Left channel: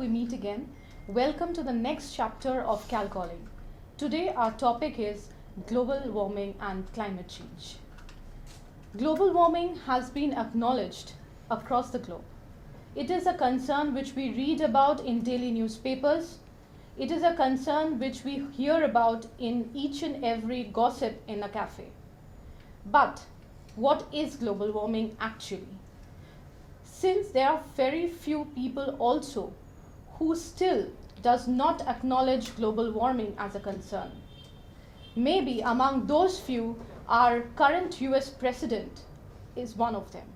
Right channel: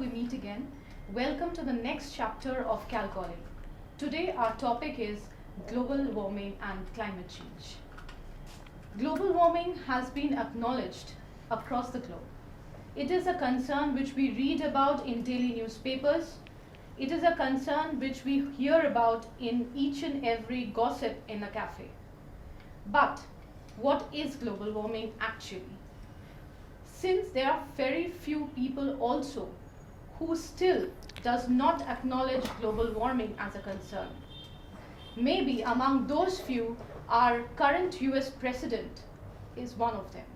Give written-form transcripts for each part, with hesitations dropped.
we meet again, welcome to the next chapter of CalCalling. Today our topic is global warming and climate change. Global warming has been acknowledged across the globe. It is a concern which we read about in daily newspapers. It is a concern which we hear about in each and every gossip in a cafe. But what is global warming actually? Since there are very few people also who still does not acknowledge global warming as a concern. Maybe among those few, our current US president is one of them.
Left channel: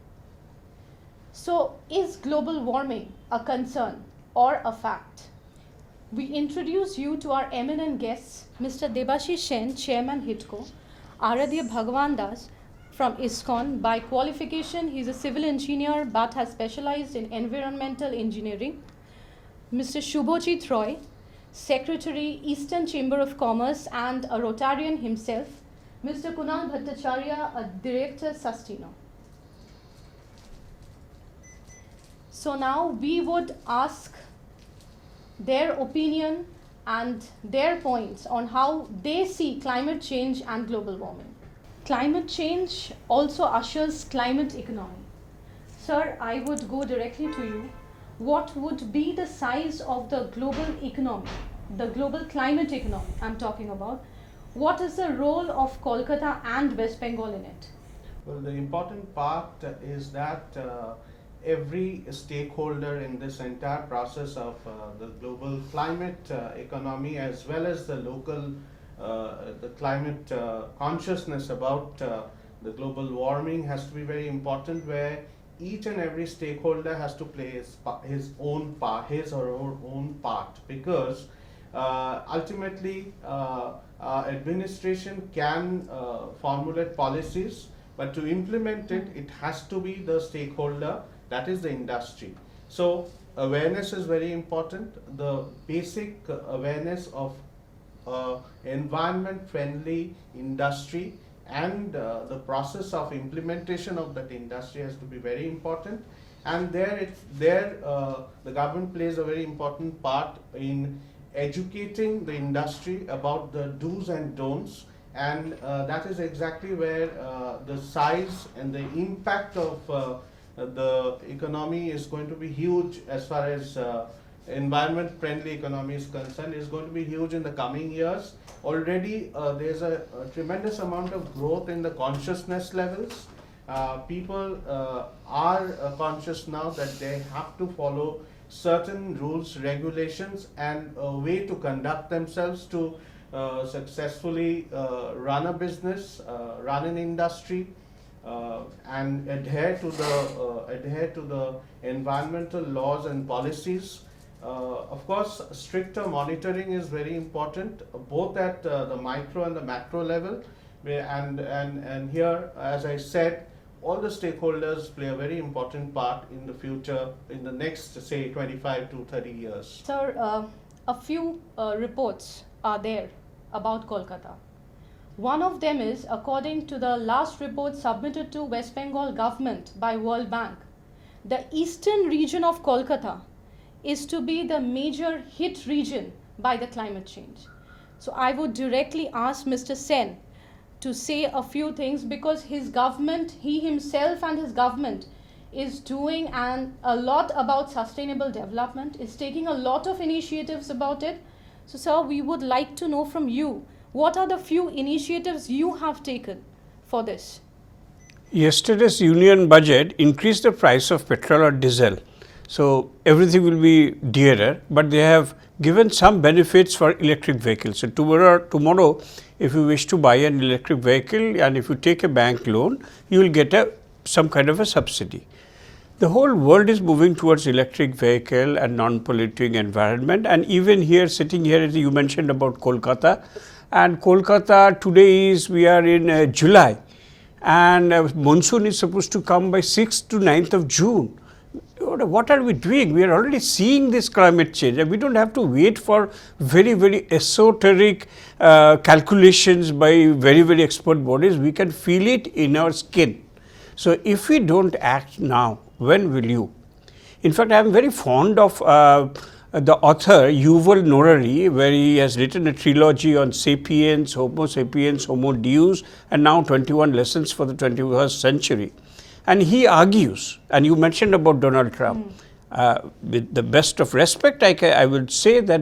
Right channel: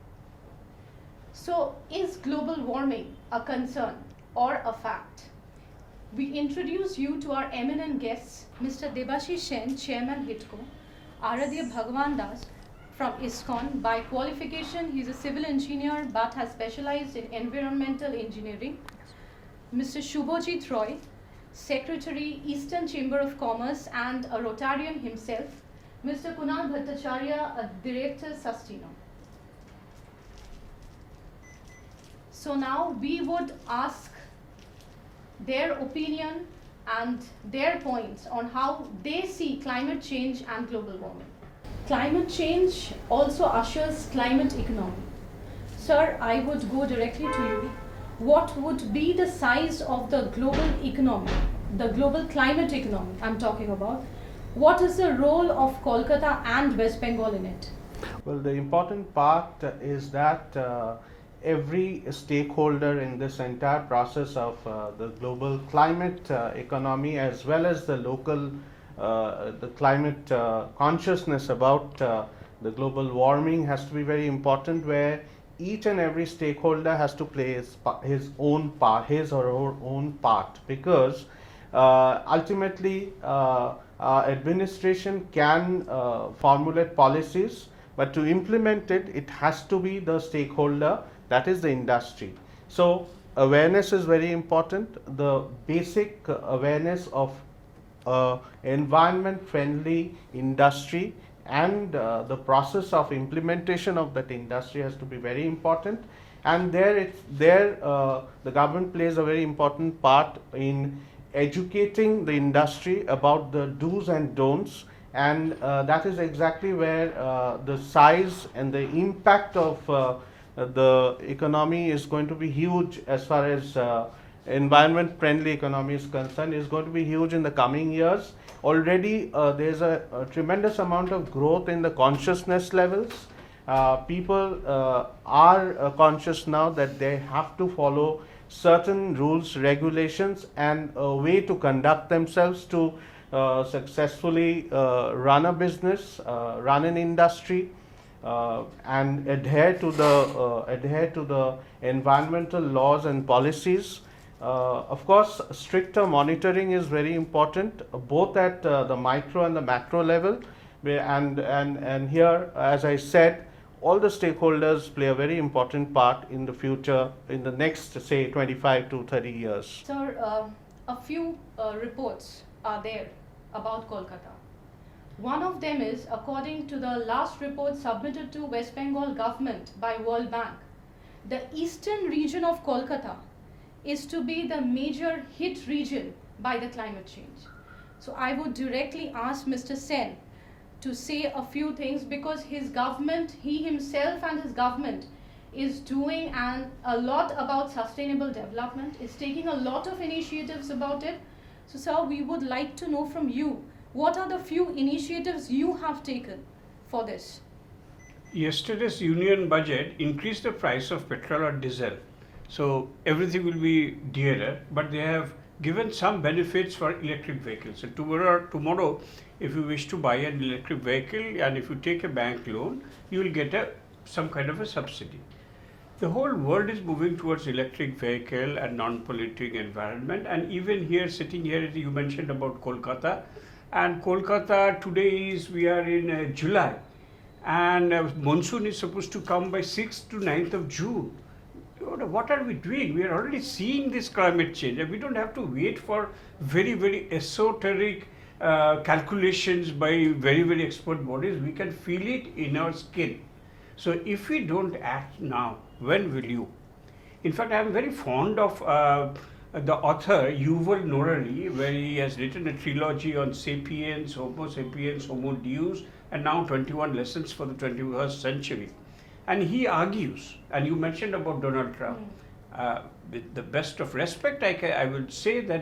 So is global warming a concern or a fact? We introduce you to our eminent guests, Mr. Debashish Sen, Chairman HITCO, Aradhya Bhagwan Das, from ISKCON. By qualification, he is a civil engineer but has specialized in environmental engineering. Mr. Shubhajit Roy, Secretary, Eastern Chamber of Commerce and a Rotarian himself. Mr. Kunal Bhattacharya, a Director, Sustino. So now we would ask their opinion and their points on how they see climate change and global warming. Climate change also ushers climate economy. Sir, I would go directly to you. What would be the size of the global economy, the global climate economy I'm talking about? What is the role of Kolkata and West Bengal in it? Well, the important part is that every stakeholder in this entire process of the global climate economy, as well as the local the climate consciousness about the global warming, has to be very important, where each and every stakeholder has to play his own part, his or her own part, because ultimately administration can formulate policies, but to implement it, it has to be the stakeholder, that is the industry. So awareness is very important. The basic awareness of environment friendly industry and the process of implementation of that industry has to be very important, and the government plays a very important part in educating the industry about the do's and don'ts, and that is exactly where the size and the impact of the economy is going to be huge. As far as environment friendly economy is concerned, is going to be huge in the coming years. Already there is a tremendous amount of growth in the consciousness levels. People are conscious now that they have to follow certain rules, regulations and a way to conduct themselves to successfully run a business, run an industry, and adhere to the environmental laws and policies. Of course, stricter monitoring is very important, both at the micro and the macro level. And here, as I said, all the stakeholders play a very important part in the future, in the next, say, 25 to 30 years. Sir, a few reports are there about Kolkata. One of them is, according to the last report submitted to West Bengal government by World Bank, the eastern region of Kolkata is to be the major hit region by the climate change. So I would directly ask Mr. Sen to say a few things, because his government, he himself and his government is doing a lot about sustainable development, is taking a lot of initiatives about it. So sir, we would like to know from you, what are the few initiatives you have taken for this? Yesterday's union budget increased the price of petrol or diesel. So everything will be dearer, but they have given some benefits for electric vehicles. So tomorrow, if you wish to buy an electric vehicle and if you take a bank loan, you will get some kind of a subsidy. The whole world is moving towards electric vehicle and non-polluting environment, and even here, sitting here, you mentioned about Kolkata, and Kolkata today we are in July, and monsoon is supposed to come by 6th to 9th of June. What are we doing? We are already seeing this climate change, and we don't have to wait for very, very esoteric calculations by very, very expert bodies. We can feel it in our skin. So if we don't act now, when will you? In fact, I am very fond of the author Yuval Noah, where he has written a trilogy on Sapiens, Homo sapiens, Homo Deus, and now 21 lessons for the 21st century. And he argues, and you mentioned about Donald Trump, with the best of respect, I would say that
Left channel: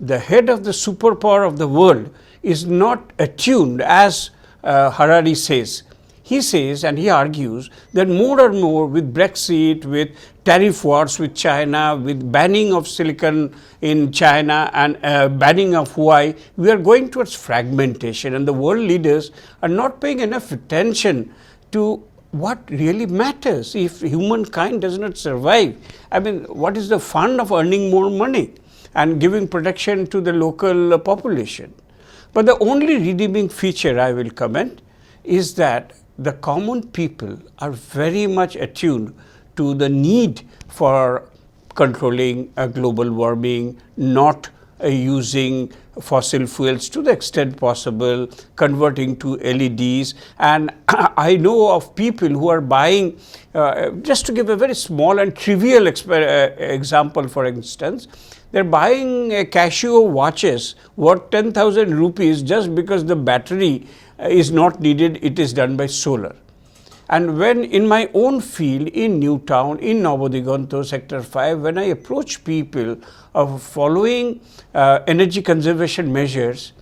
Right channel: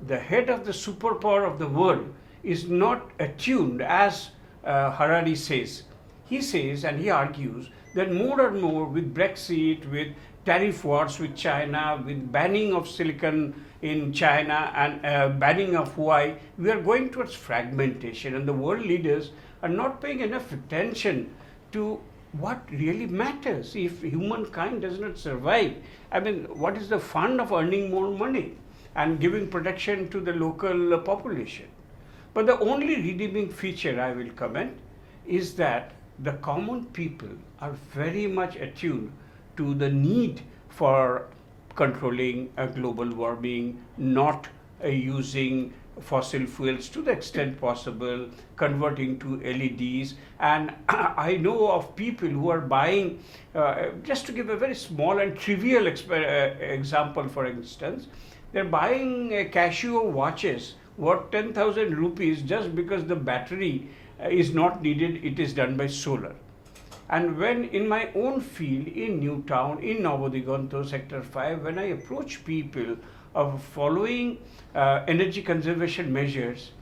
the head of the superpower of the world is not attuned, as Harari says. He says, and he argues, that more and more with Brexit, with tariff wars with China, with banning of silicon in China and banning of Huawei, we are going towards fragmentation, and the world leaders are not paying enough attention to what really matters. If humankind does not survive, I mean, what is the fun of earning more money and giving protection to the local population? But the only redeeming feature I will comment is that the common people are very much attuned to the need for controlling global warming, not using fossil fuels to the extent possible, converting to LEDs. And I know of people who are buying, just to give a very small and trivial example, for instance, they're buying Casio watches worth 10,000 rupees just because the battery is not needed, it is done by solar. And when in my own field in Newtown, in Navodiganto, Sector 5, when I approach people of following energy conservation measures,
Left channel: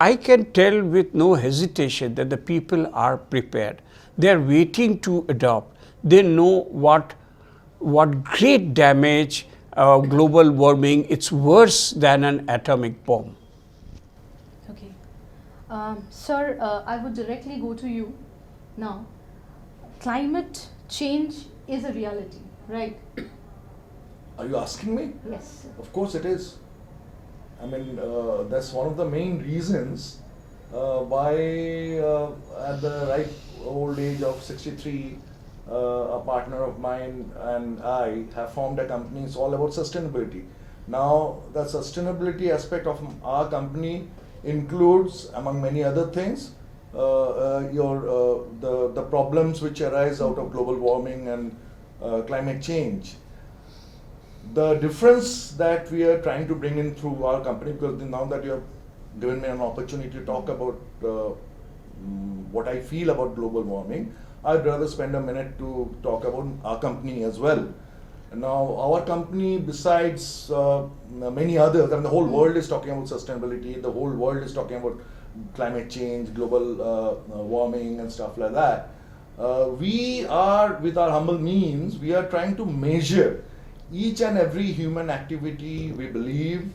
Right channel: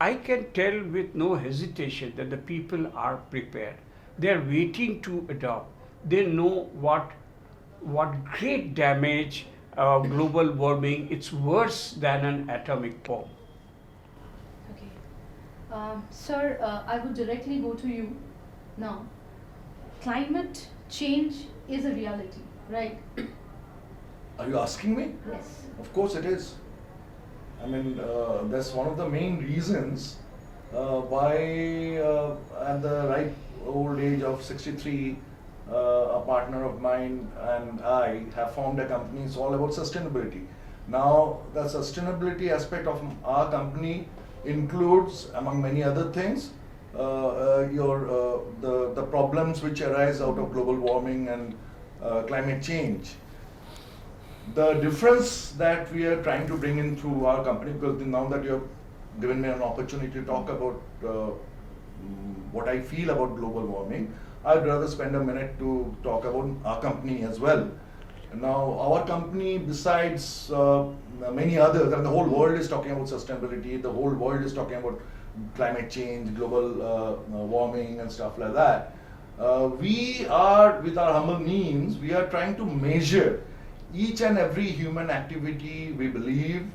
I can tell with no hesitation that the people are prepared. They are waiting to adopt. They know what great damage global warming, it's worse than an atomic bomb. Sir, I would directly go to you now. Climate change is a reality, right? Are you asking me? Yes. Of course it is. I mean, that's one of the main reasons why at the ripe old age of 63, a partner of mine and I have formed a company. It's all about sustainability. Now, the sustainability aspect of our company includes, among many other things, the problems which arise out of global warming and climate change. The difference that we are trying to bring in through our company, because now that you have given me an opportunity to talk about what I feel about global warming, I'd rather spend a minute to talk about our company as well. Now, our company, besides many others, and the whole world is talking about sustainability, the whole world is talking about climate change, global warming and stuff like that. We are, with our humble means, we are trying to measure each and every human activity we believe,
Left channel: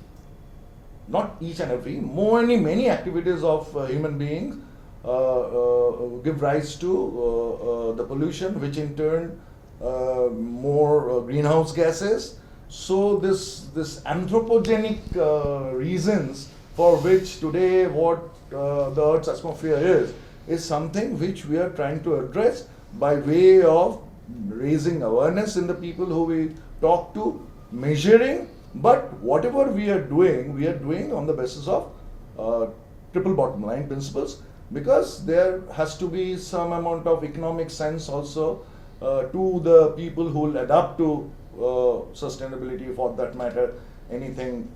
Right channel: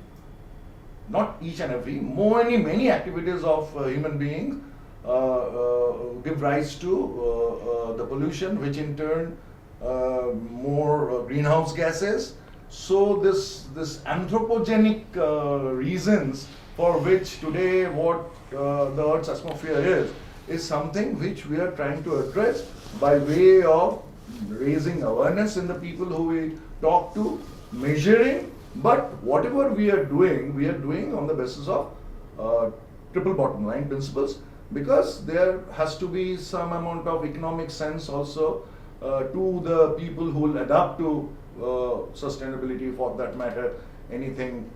not each and every, many activities of human beings give rise to the pollution, which in turn more greenhouse gases. So this anthropogenic reasons for which today what the Earth's atmosphere is something which we are trying to address by way of raising awareness in the people who we talk to, measuring, but whatever we are doing on the basis of triple bottom line principles, because there has to be some amount of economic sense also to the people who will adapt to sustainability, for that matter, anything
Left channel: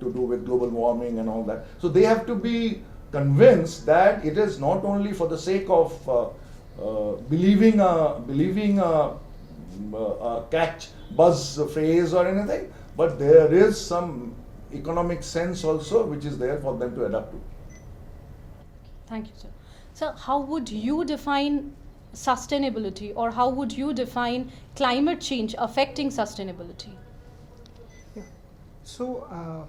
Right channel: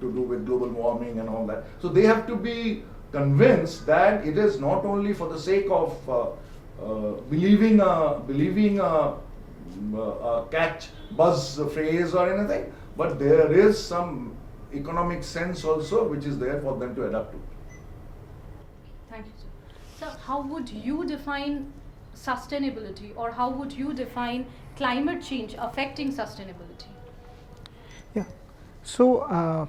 to do with global warming and all that. So they have to be convinced that it is not only for the sake of believing a catch buzz phrase or anything, but there is some economic sense also which is there for them to adapt to. Thank you, sir. So, how would you define sustainability, or how would you define climate change affecting sustainability? Yeah. So,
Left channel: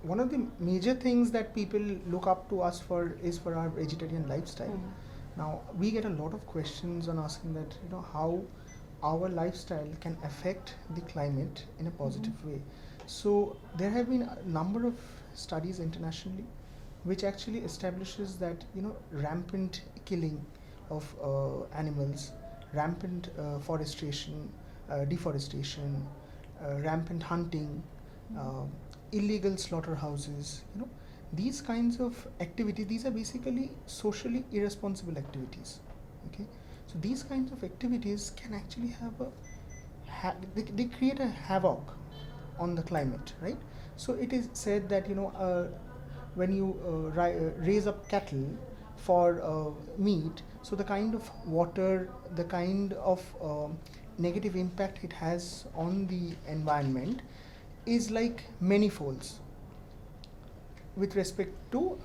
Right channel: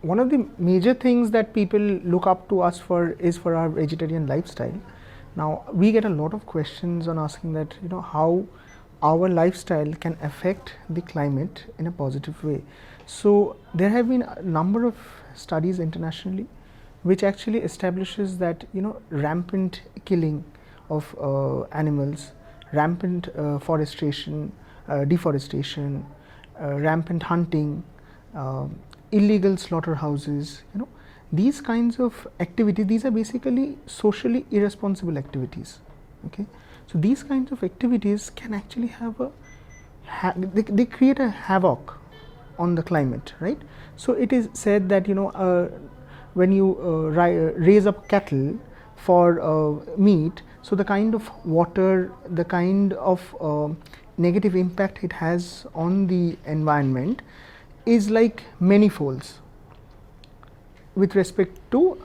one of the major things that people look up to us for is for our vegetarian lifestyle. Now, we get a lot of questions on asking that, how our lifestyle can affect the climate in a positive way. So, there have been a number of studies internationally which actually establishes that, rampant killing of animals, rampant deforestation, rampant hunting, illegal slaughterhouses, these kinds of activities, these are basically socially irresponsible activities. Okay, so these kinds of activities can actually have they create a havoc on the climate, right? So it is said that when you raise up cattle for meat, so the kind of water, the kind of negative impact it has on the environment is like many folds with respect to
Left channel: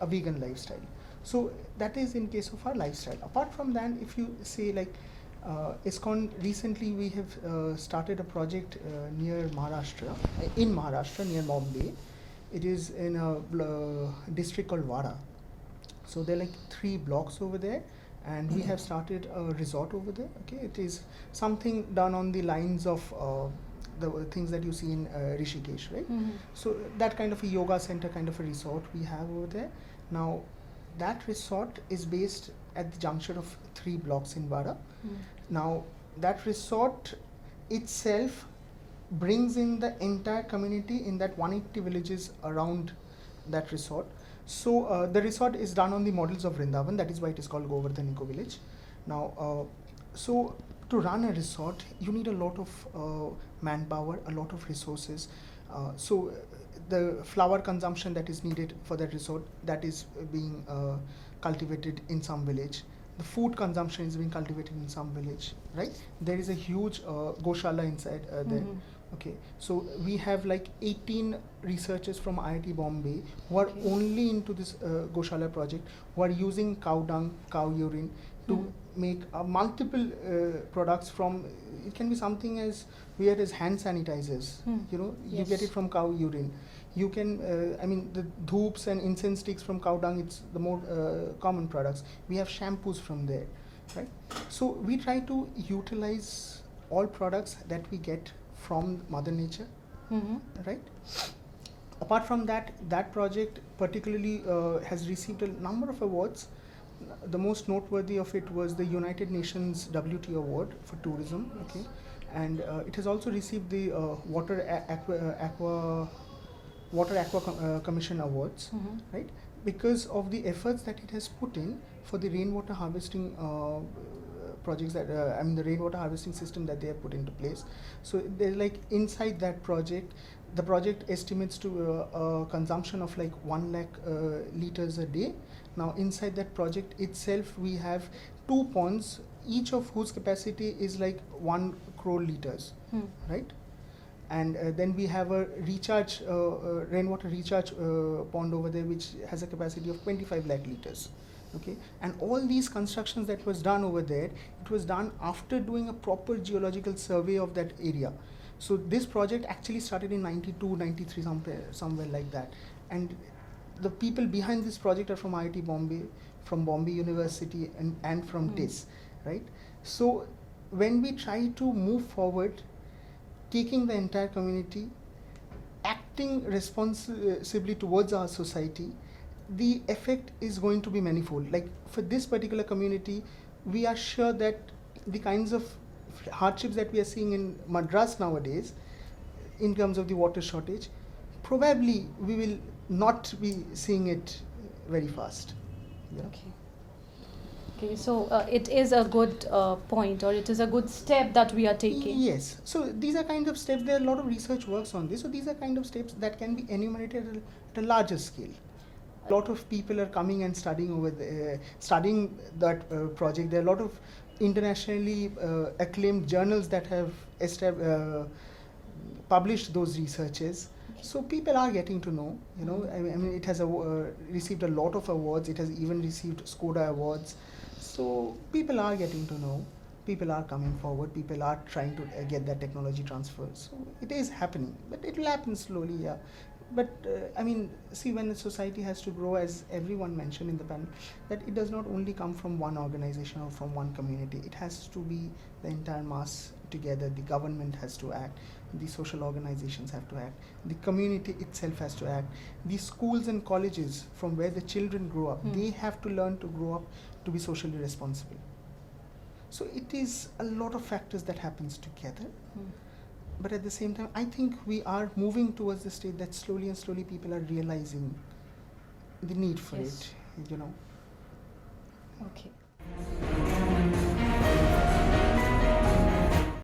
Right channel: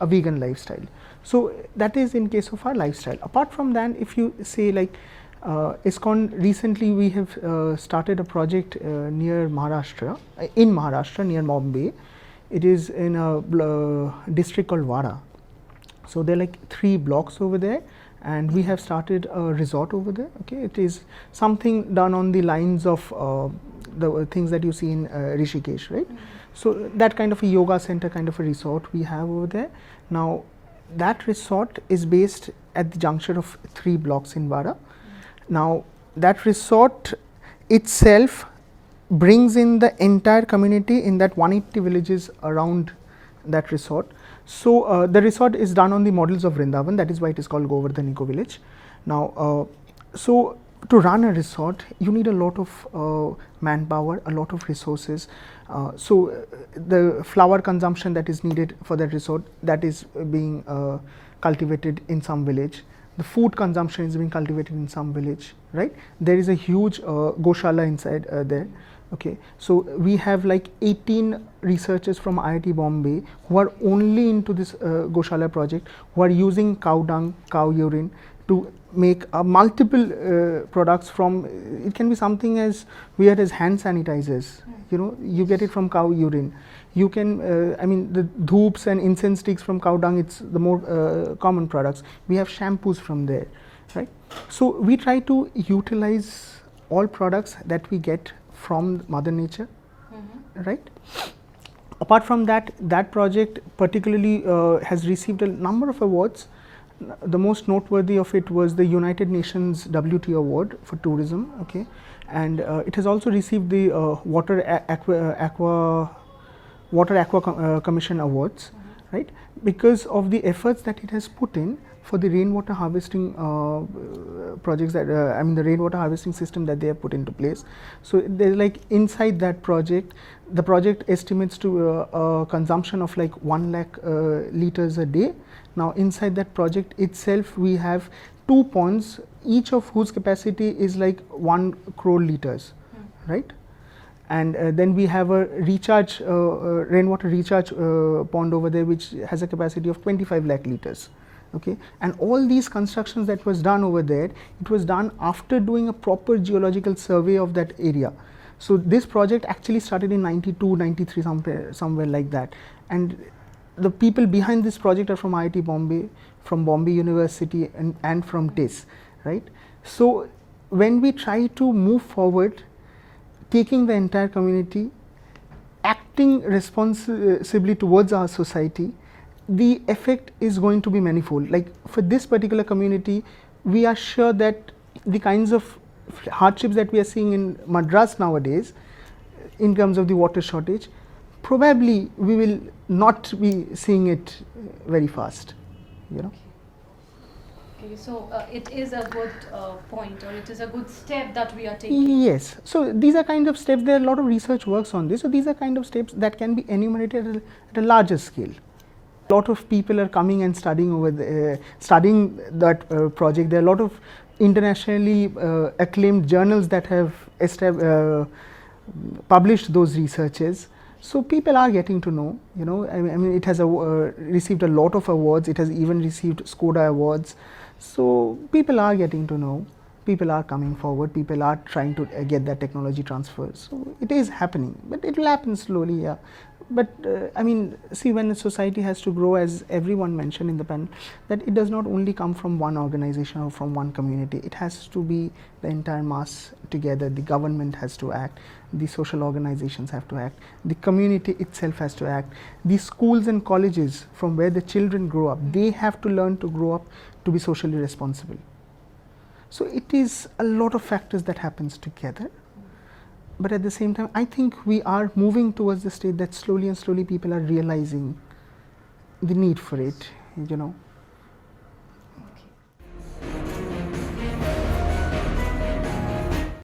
a vegan lifestyle. So that is in case of our lifestyle. Apart from that, if you say like ISKCON, recently we have started a project near Maharashtra, in Maharashtra near Bombay. It is in a district called Wada. So there are like 3 blocks over there, and we have started a resort over there. Okay, it is something done on the lines of the things that you see in Rishikesh, right? So that kind of a yoga center, kind of a resort we have over there. Now that resort is based at the juncture of 3 blocks in Wada. Now that resort itself brings in the entire community in that 180 villages around that resort. So the resort is done on the models of Vrindavan, that is why it is called Govardhan Eco Village. Now so to run a resort you need a lot of manpower, a lot of resources. So the flower consumption that is needed for that resort, that is being cultivated in some village. The food consumption is being cultivated in some village, right? There is a huge Goshala inside there. Okay, so we have like 18 researchers from IIT Bombay who are only into this Goshala project, who are using cow dung, cow urine to make multiple products from, it can be something as weird as hand sanitizers, you get it from cow urine. You can, I mean the dhoops and incense sticks from cow dung, it's the more common products. We have shampoos from there, right? So we try to utilize all products that we get from Mother Nature, right? Apart from that, that project particularly has received a number of awards. The most noteworthy of it was the United Nations WTO Award for tourism, okay, and it has also received the Water Aqua Commission Awards, right, because of the efforts that it has put in for the rainwater harvesting projects that I mean the rainwater harvesting system that they have put into place. So there's like inside that project, the project estimates to a consumption of like 1 lakh liters a day. Now inside that project itself we have 2 ponds, each of whose capacity is like 1 crore liters, right? And then we have a recharge rainwater recharge pond over there which has a capacity of 25 lakh liters. Okay, and all these constructions that was done over there, it was done after doing a proper geological survey of that area. So this project actually started in 92, 93, somewhere like that. And the people behind this project are from IIT Bombay, from Bombay University, and from TIS, right? So when we try to move forward, taking the entire community, acting responsibly towards our society, the effect is going to be manifold. Like for this particular community, we are sure that the kinds of hardships that we are seeing in Madras nowadays, in terms of the water shortage, probably we will not be seeing it very fast, Okay, so it is a good point, or it is a good step that we are taking. Yes, so these are kind of steps, there are a lot of research works on this, so these are kind of steps that can be enumerated at a larger scale. A lot of people are coming and studying over there, studying that project. There are a lot of internationally acclaimed journals that have published those researches. So people are getting to know, I mean it has received a lot of awards, it has even received Skoda awards. So people are getting to know, people are coming forward, people are trying to get that technology transfer. So it is happening, but it will happen slowly, yeah. But I mean, see, when the society has to grow, as everyone mentioned in the panel, that it does not only come from one organization or from one community, it has to be the entire mass together. The government has to act, the social organizations have to act, the community itself has to act, the schools and colleges from where the children grow up, they have to learn to grow up to be socially responsible. So it is a lot of factors that happens together. But at the same time, I think we are moving towards the state that slowly and slowly people are realizing the need for it,